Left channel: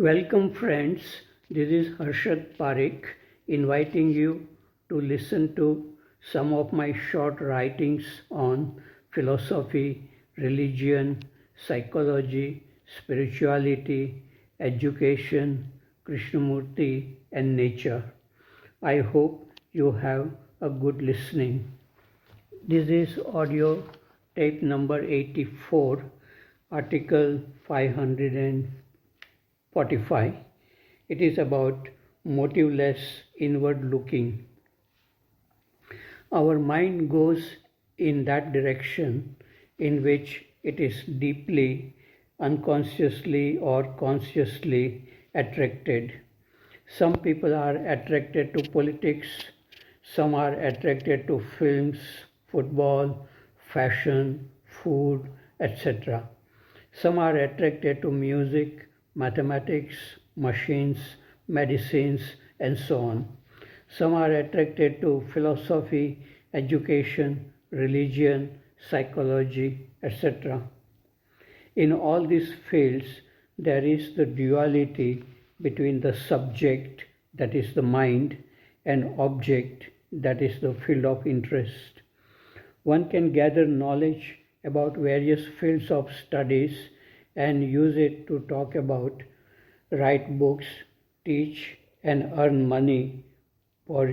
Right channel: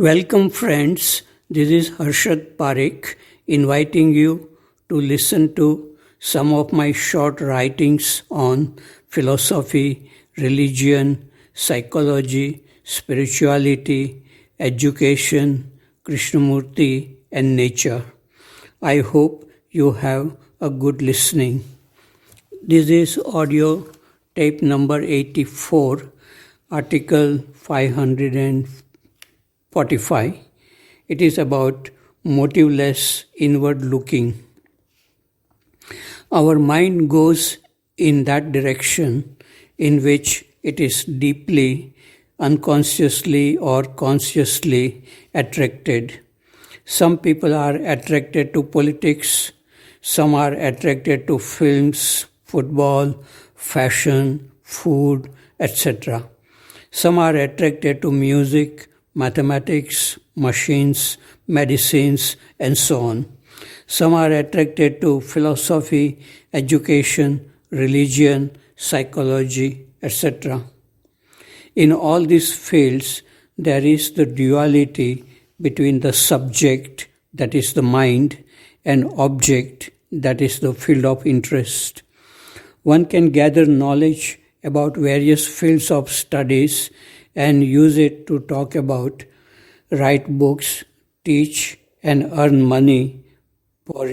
Welcome, friends. This is Harshad Parekh inviting you to listen to some of my short writings on philosophy, religion, psychology, spirituality, education, Krishnamurti, and nature. I hope you have a good listening. This is audio tape number 84, article 545. It is about motiveless inward looking. Our mind goes in that direction in which it is deeply, unconsciously, or consciously attracted. Some people are attracted to politics, some are attracted to films, football, fashion, food, etc. Some are attracted to music, mathematics, machines, medicines, and so on. Some are attracted to philosophy, education, religion, psychology, etc. In all these fields, there is the duality between the subject, that is the mind, and object, that is the field of interest. One can gather knowledge about various fields of studies and use it to talk about, write books, teach, and earn money, or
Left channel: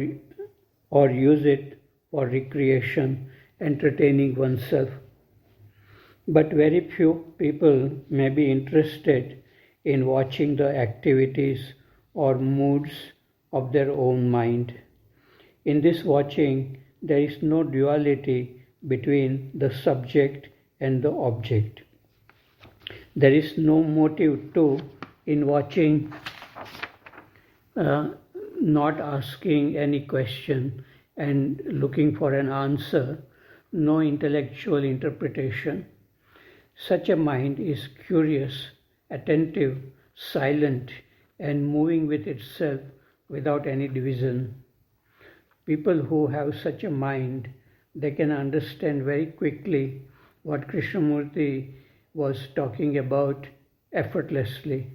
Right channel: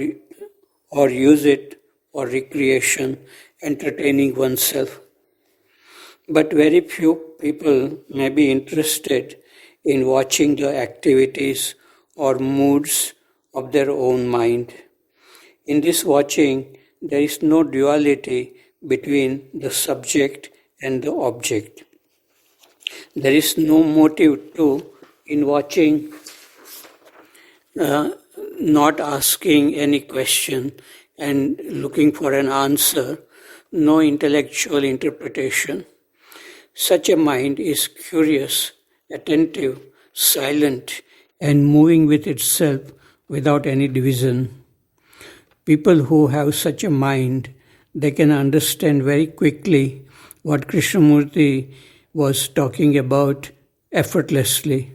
use it for recreation, entertaining oneself. But very few people may be interested in watching the activities or moods of their own mind. In this watching, there is no duality between the subject and the object. There is no motive too in watching, not asking any question and looking for an answer, no intellectual interpretation. Such a mind is curious, attentive, silent, and moving with itself without any division. People who have such a mind, they can understand very quickly what Krishnamurti was talking about effortlessly.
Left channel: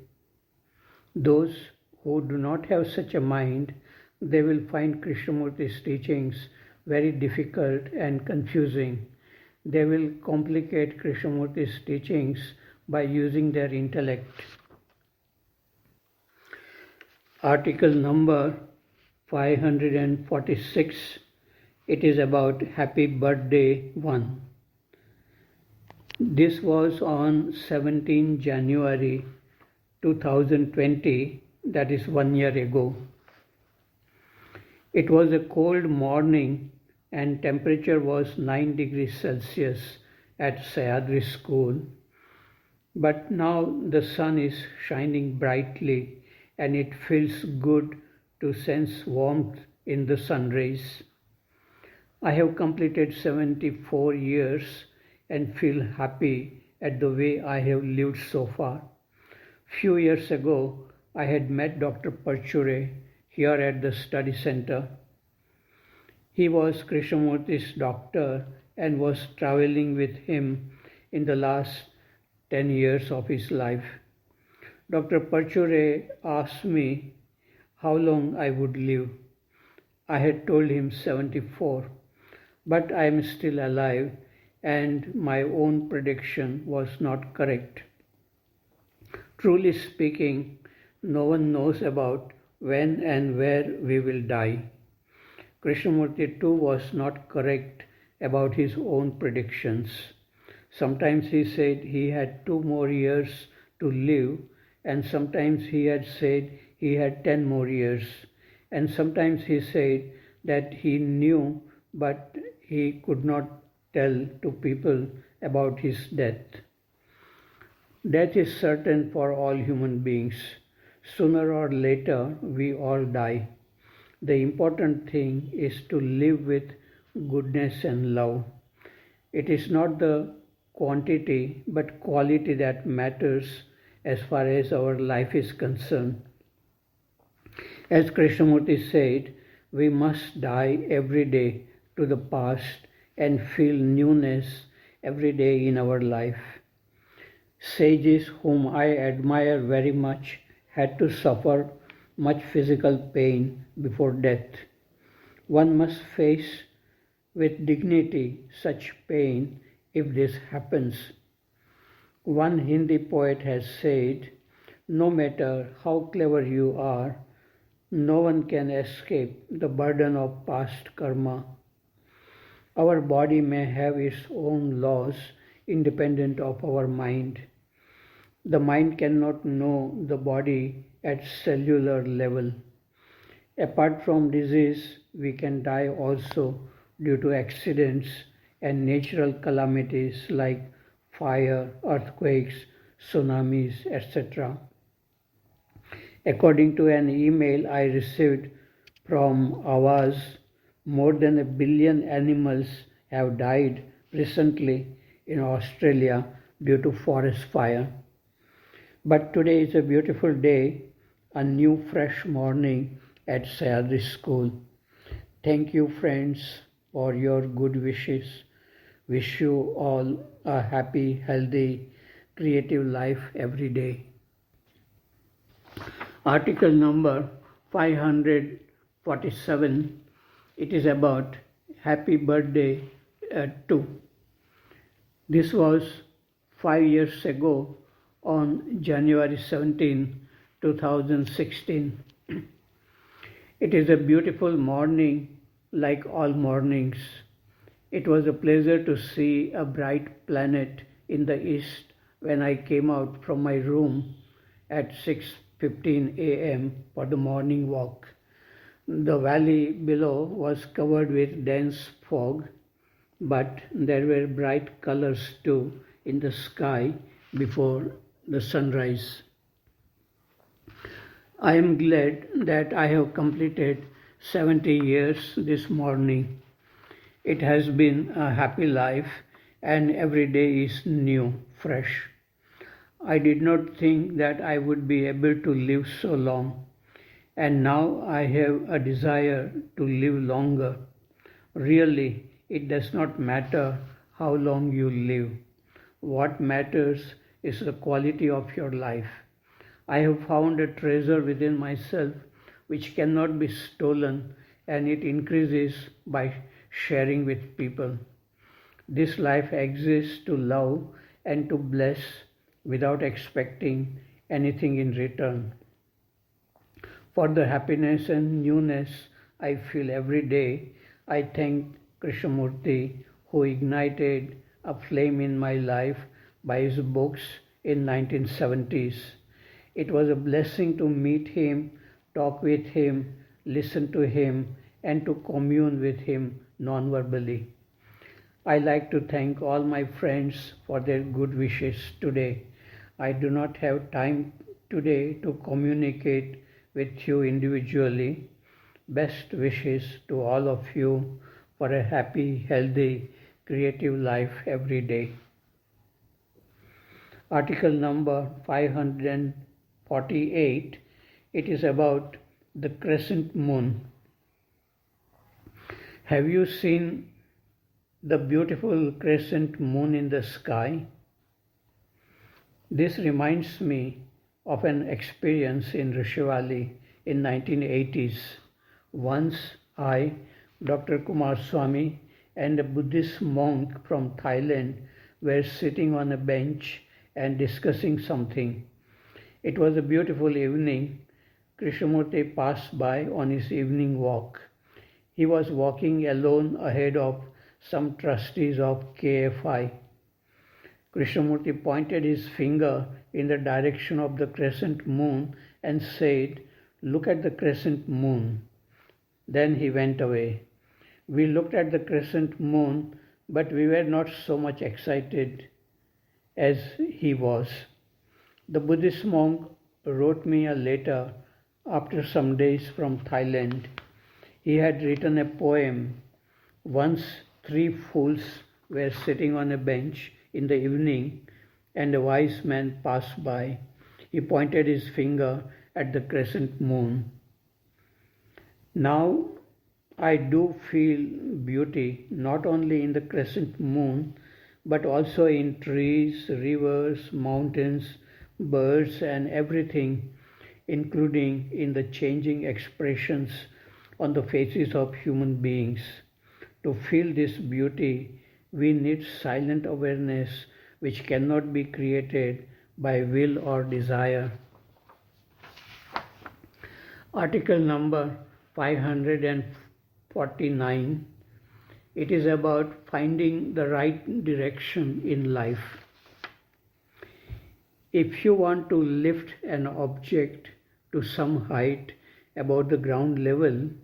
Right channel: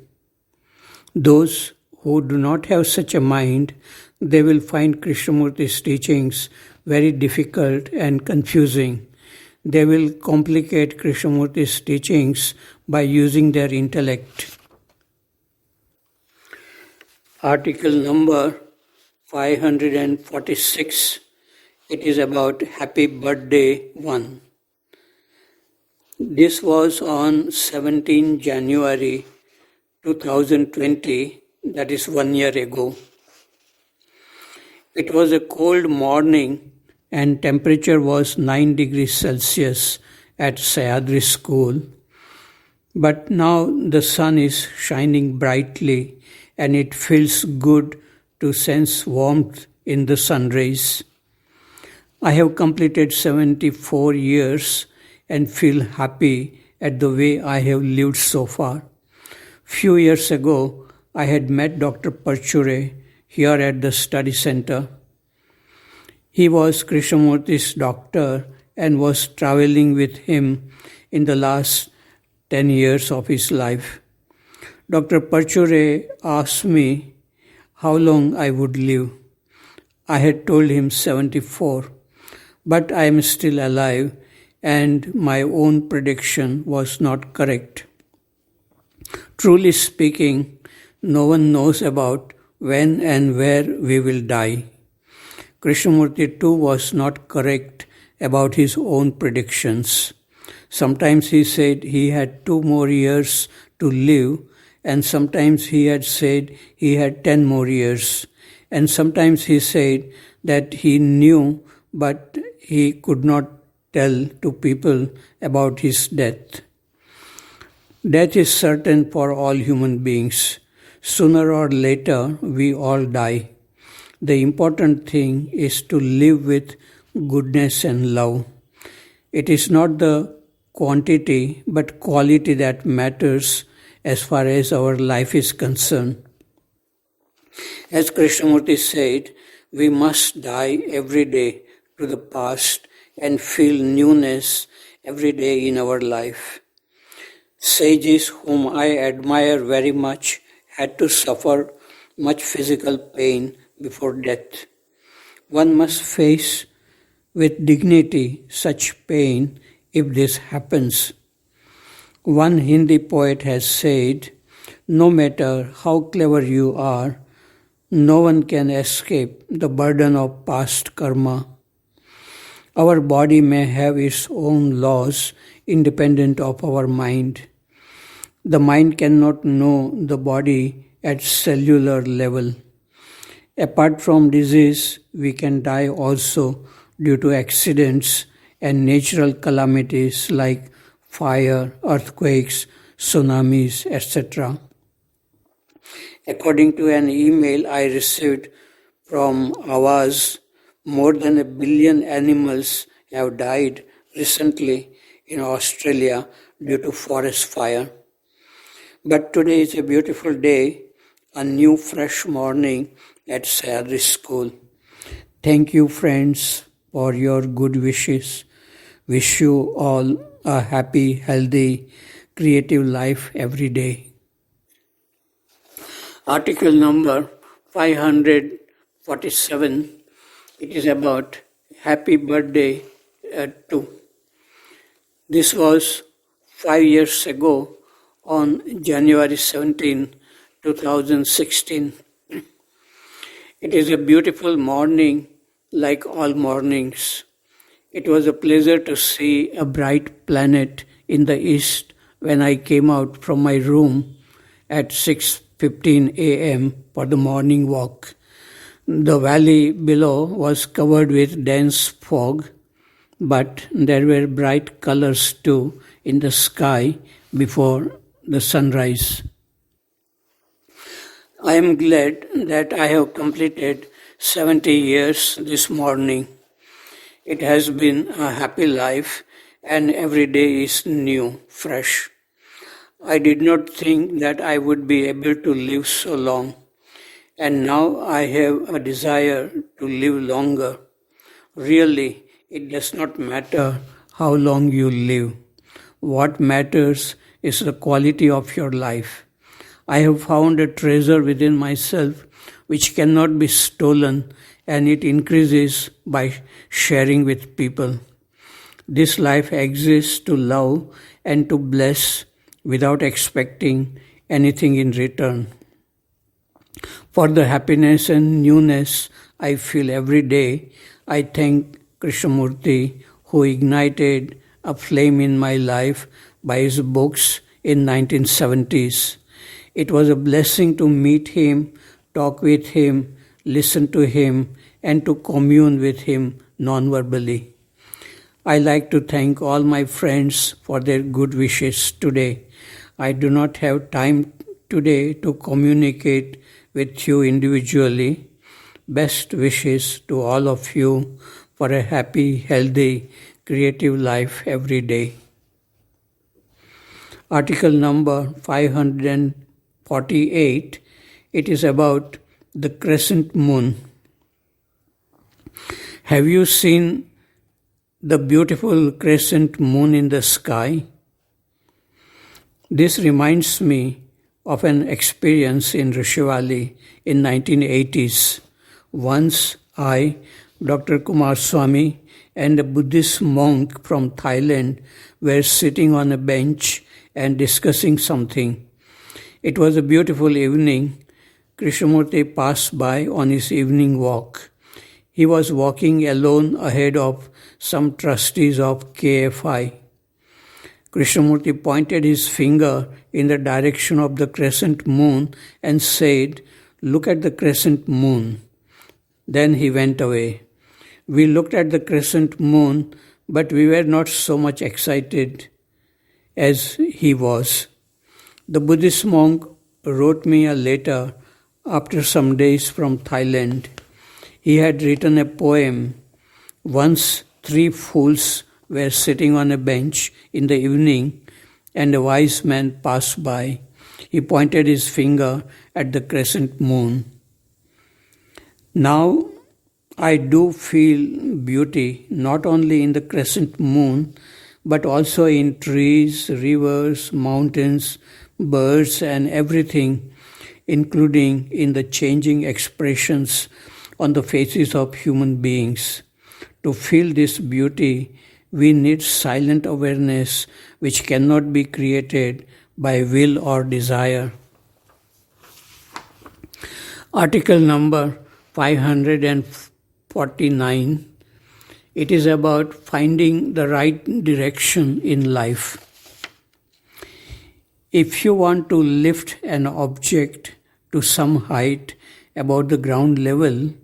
Those who do not have such a mind, they will find Krishnamurti's teachings very difficult and confusing. They will complicate Krishnamurti's teachings by using their intellect. Article number 546. It is about Happy Birthday 1. This was on 17 January 2020, that is 1 year ago. It was a cold morning and temperature was 9 degrees Celsius at Sayadri School. But now the sun is shining brightly and it feels good to sense warmth in the sun rays. I have completed 74 years and feel happy at the way I have lived so far. Few years ago, I had met Dr. Parchure here at the study center. He was Krishnamurti's doctor and was traveling with him in the last 10 years of his life. Dr. Parchure asked me how long I would live. I had told him 74, but I am still alive and my own prediction was not correct. Truly speaking, no one knows about when and where we will die. Krishnamurti too was not correct about his own predictions. Sometimes he said he had 2 more years to live, and sometimes he had said he had 10 more years, and sometimes he said that he knew but he could not tell to people about his death. Death is certain for all human beings. Sooner or later, we all die. The important thing is to live with goodness and love. It is not the quantity but quality that matters as far as our life is concerned. As Krishnamurti said, we must die every day to the past and feel newness every day in our life. Sages whom I admire very much had to suffer much physical pain before death. One must face with dignity such pain if this happens. One Hindi poet has said, "No matter how clever you are, no one can escape the burden of past karma." Our body may have its own laws independent of our mind. The mind cannot know the body at cellular level. Apart from disease, we can die also due to accidents and natural calamities like fire, earthquakes, tsunamis, etc. According to an email I received from Awaz, more than 1 billion animals have died recently in Australia due to forest fire. But today is a beautiful day, a new fresh morning at Sahyadri School. Thank you, friends, for your good wishes. Wish you all a happy, healthy, creative life every day. Article number 547. It is about happy birthday to. This was 5 years ago on January 17, 2016. It is a beautiful morning like all mornings. It was a pleasure to see a bright planet in the east when I came out from my room at 6:15 a.m. for the morning walk. The valley below was covered with dense fog, but there were bright colors too in the sky before the sunrise. I am glad that I have completed 70 years this morning. It has been a happy life and every day is new, fresh. I did not think that I would be able to live so long, and now I have a desire to live longer. Really, it does not matter how long you live. What matters is the quality of your life. I have found a treasure within myself which cannot be stolen, and it increases by sharing with people. This life exists to love and to bless without expecting anything in return. For the happiness and newness I feel every day, I thank Krishnamurti, who ignited a flame in my life by his books in 1970s. It was a blessing to meet him, talk with him, listen to him, and to commune with him non-verbally. I like to thank all my friends for their good wishes today. I do not have time today to communicate with you individually. Best wishes to all of you for a happy, healthy, creative life every day. Article number 548. It is about the crescent moon. Have you seen the beautiful crescent moon in the sky? This reminds me of an experience in Rishi Valley in 1980s. Once I, Dr. Kumar Swami, and a Buddhist monk from Thailand were sitting on a bench and discussing something. It was a beautiful evening. Krishnamurti passed by on his evening walk. He was walking alone ahead of some trustees of KFI. Krishnamurti pointed his finger in the direction of the crescent moon and said, "Look at the crescent moon." Then he went away. We looked at the crescent moon, but we were not so much excited as he was. The Buddhist monk wrote me a letter after some days from Thailand. He had written a poem. Once 3 fools were sitting on a bench in the evening, and a wise man passed by. He pointed his finger at the crescent moon. Now I do feel beauty not only in the crescent moon, but also in trees, rivers, mountains, birds, and everything. including in the changing expressions on the faces of human beings. To feel this beauty, we need silent awareness which cannot be created by will or desire. Article number 549. It is about finding the right direction in life. If you want to lift an object to some height above the ground level,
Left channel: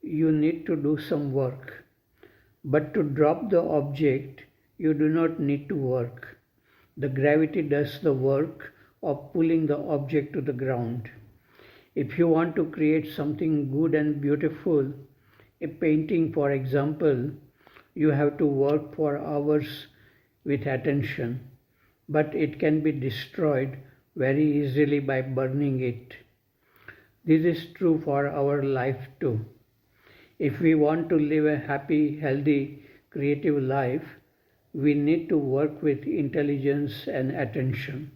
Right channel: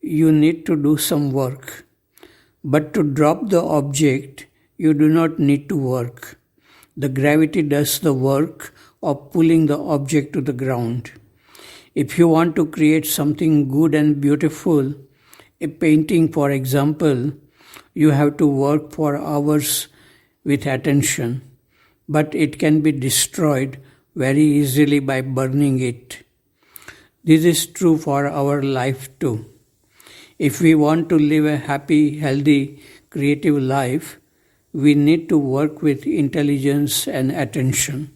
you need to do some work. But to drop the object, you do not need to work. The gravity does the work of pulling the object to the ground. If you want to create something good and beautiful, a painting for example, you have to work for hours with attention, but it can be destroyed very easily by burning it. This is true for our life too. If we want to live a happy, healthy, creative life, we need to work with intelligence and attention.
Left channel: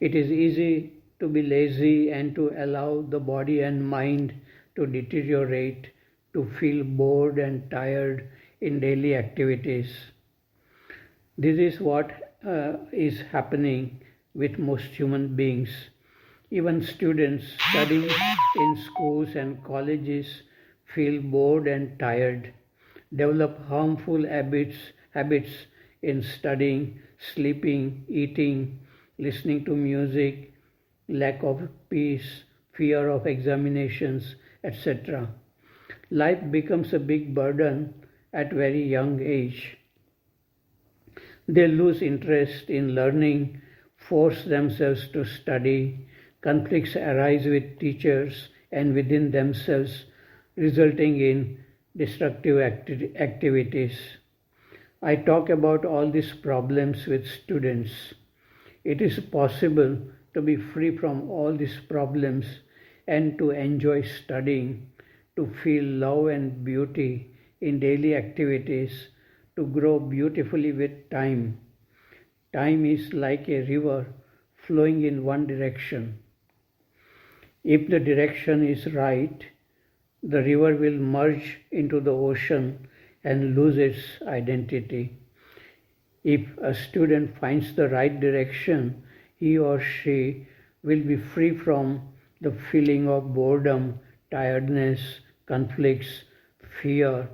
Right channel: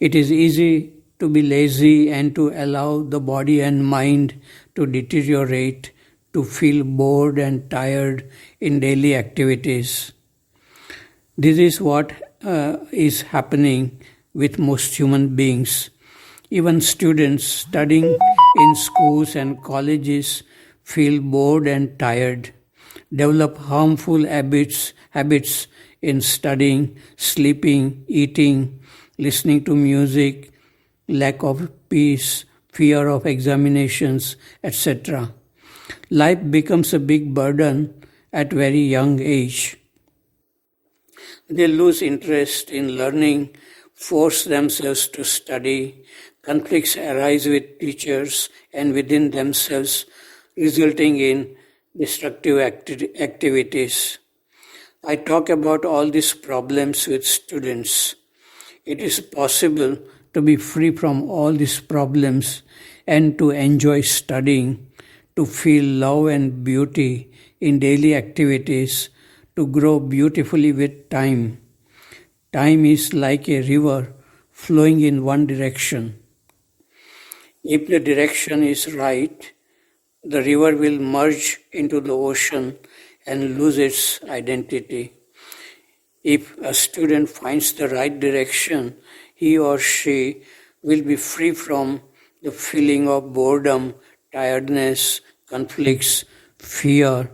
It is easy to be lazy and to allow the body and mind to deteriorate, to feel bored and tired in daily activities. This is what is happening with most human beings. Even students studying in schools and colleges feel bored and tired, develop harmful habits in studying, sleeping, eating, listening to music, lack of peace, fear of examinations, etc. Life becomes a big burden at very young age. They lose interest in learning, force themselves to study, conflicts arise with teachers and within themselves, resulting in destructive activities. I talk about all these problems with students. It is possible to be free from all these problems and to enjoy studying, to feel love and beauty in daily activities, to grow beautifully with time. Time is like a river flowing in one direction. If the direction is right, the river will merge into the ocean and lose its identity. If a student finds the right direction, he or she will be free from the feeling of boredom, tiredness, conflicts, fear,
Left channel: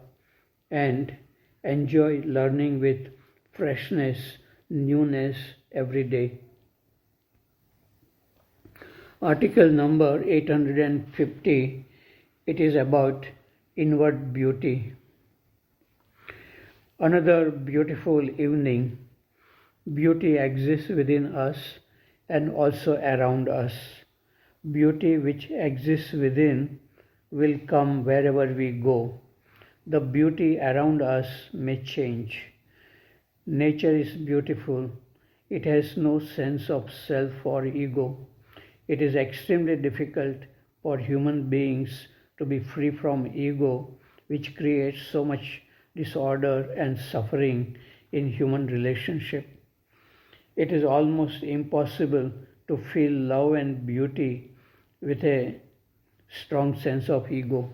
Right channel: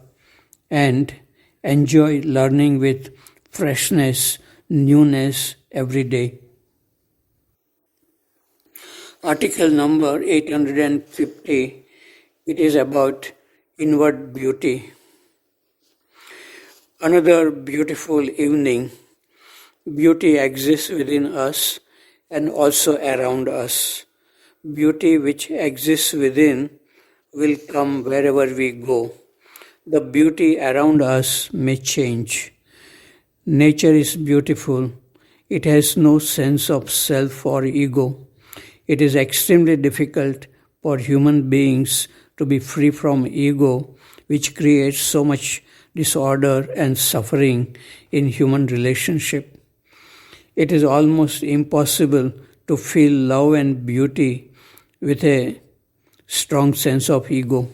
and enjoy learning with freshness, newness every day. Article number 850, it is about inward beauty. Another beautiful evening. Beauty exists within us and also around us. Beauty which exists within will come wherever we go. The beauty around us may change. Nature is beautiful. It has no sense of self or ego. It is extremely difficult for human beings to be free from ego, which creates so much disorder and suffering in human relationship. It is almost impossible to feel love and beauty with a strong sense of ego.